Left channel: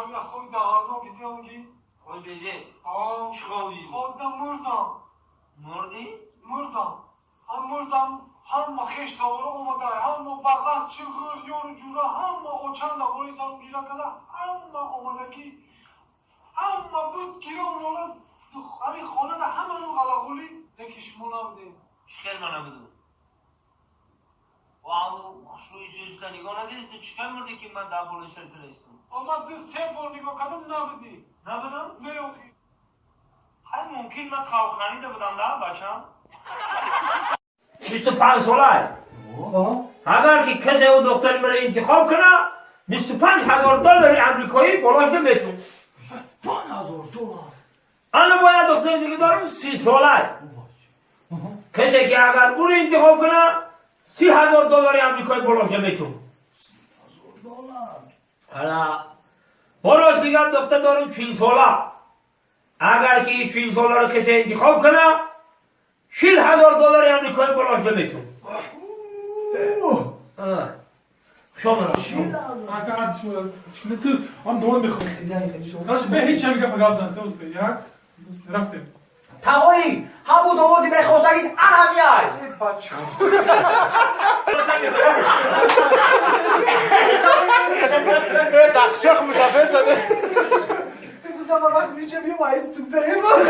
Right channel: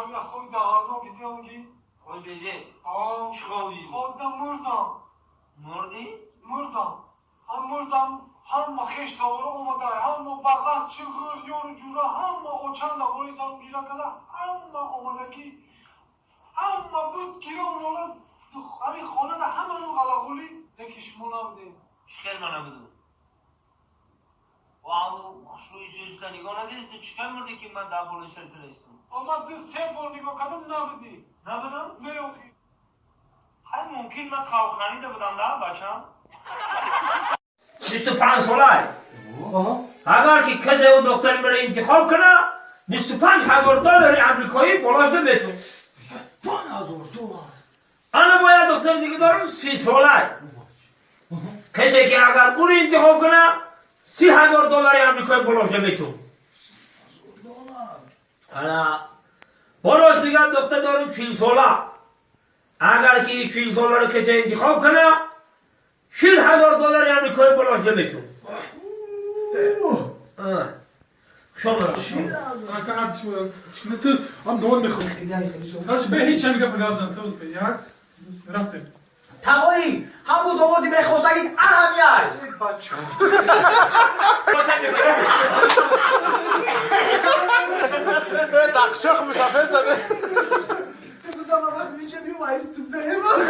شاید خود دهارنا بیدیانگی خود بیجه آه چخوی خودم مردم مردی؟ مردم هم مردم هم خیش تاورا اومده هم فقط چغر یور جورا هم اوچان لبوری سام گیرا کده هم اومدگی هم بود گیرا اونولا همین خانه ده همه اون غلاغولی نکش مونا بده چخیر منو بدو واو مشروعی سویستا نگاه نگیدی تو چکر مردی که من در بلوی سرت رستم اما دو سه بار نگاه کدم نبودی نبودم؟ نه اوکی های ممکن من خوابخانی ده بودم ده بچم 25 ساله اگر که کسی او دختر مرا انتخاب کنه 25,000 دلار امریکایی بالاش نمیتون 5,000 دلار. انا باید دختر دیگه دارم 30 ساله کسی که اگر اون انتخاب کنه 30,000 دلار امریکایی بالاش نمیتون حالا بالاش دیگه دختر دارم 40 ساله اگر که 40 ساله رو کسی انتخاب کنه 40,000 دلار امریکایی بالاش نمیتون شما Akkurat zo. Natuurlijk, aan de hond begon. Als je bij iets aan kan vergaan, dan is het ja. Rafte. تمایی همون دوادی بخواستگید اهمیت تخشخ مسافر زده Bu zaman bak iyice bir vaiz tüm zehir var.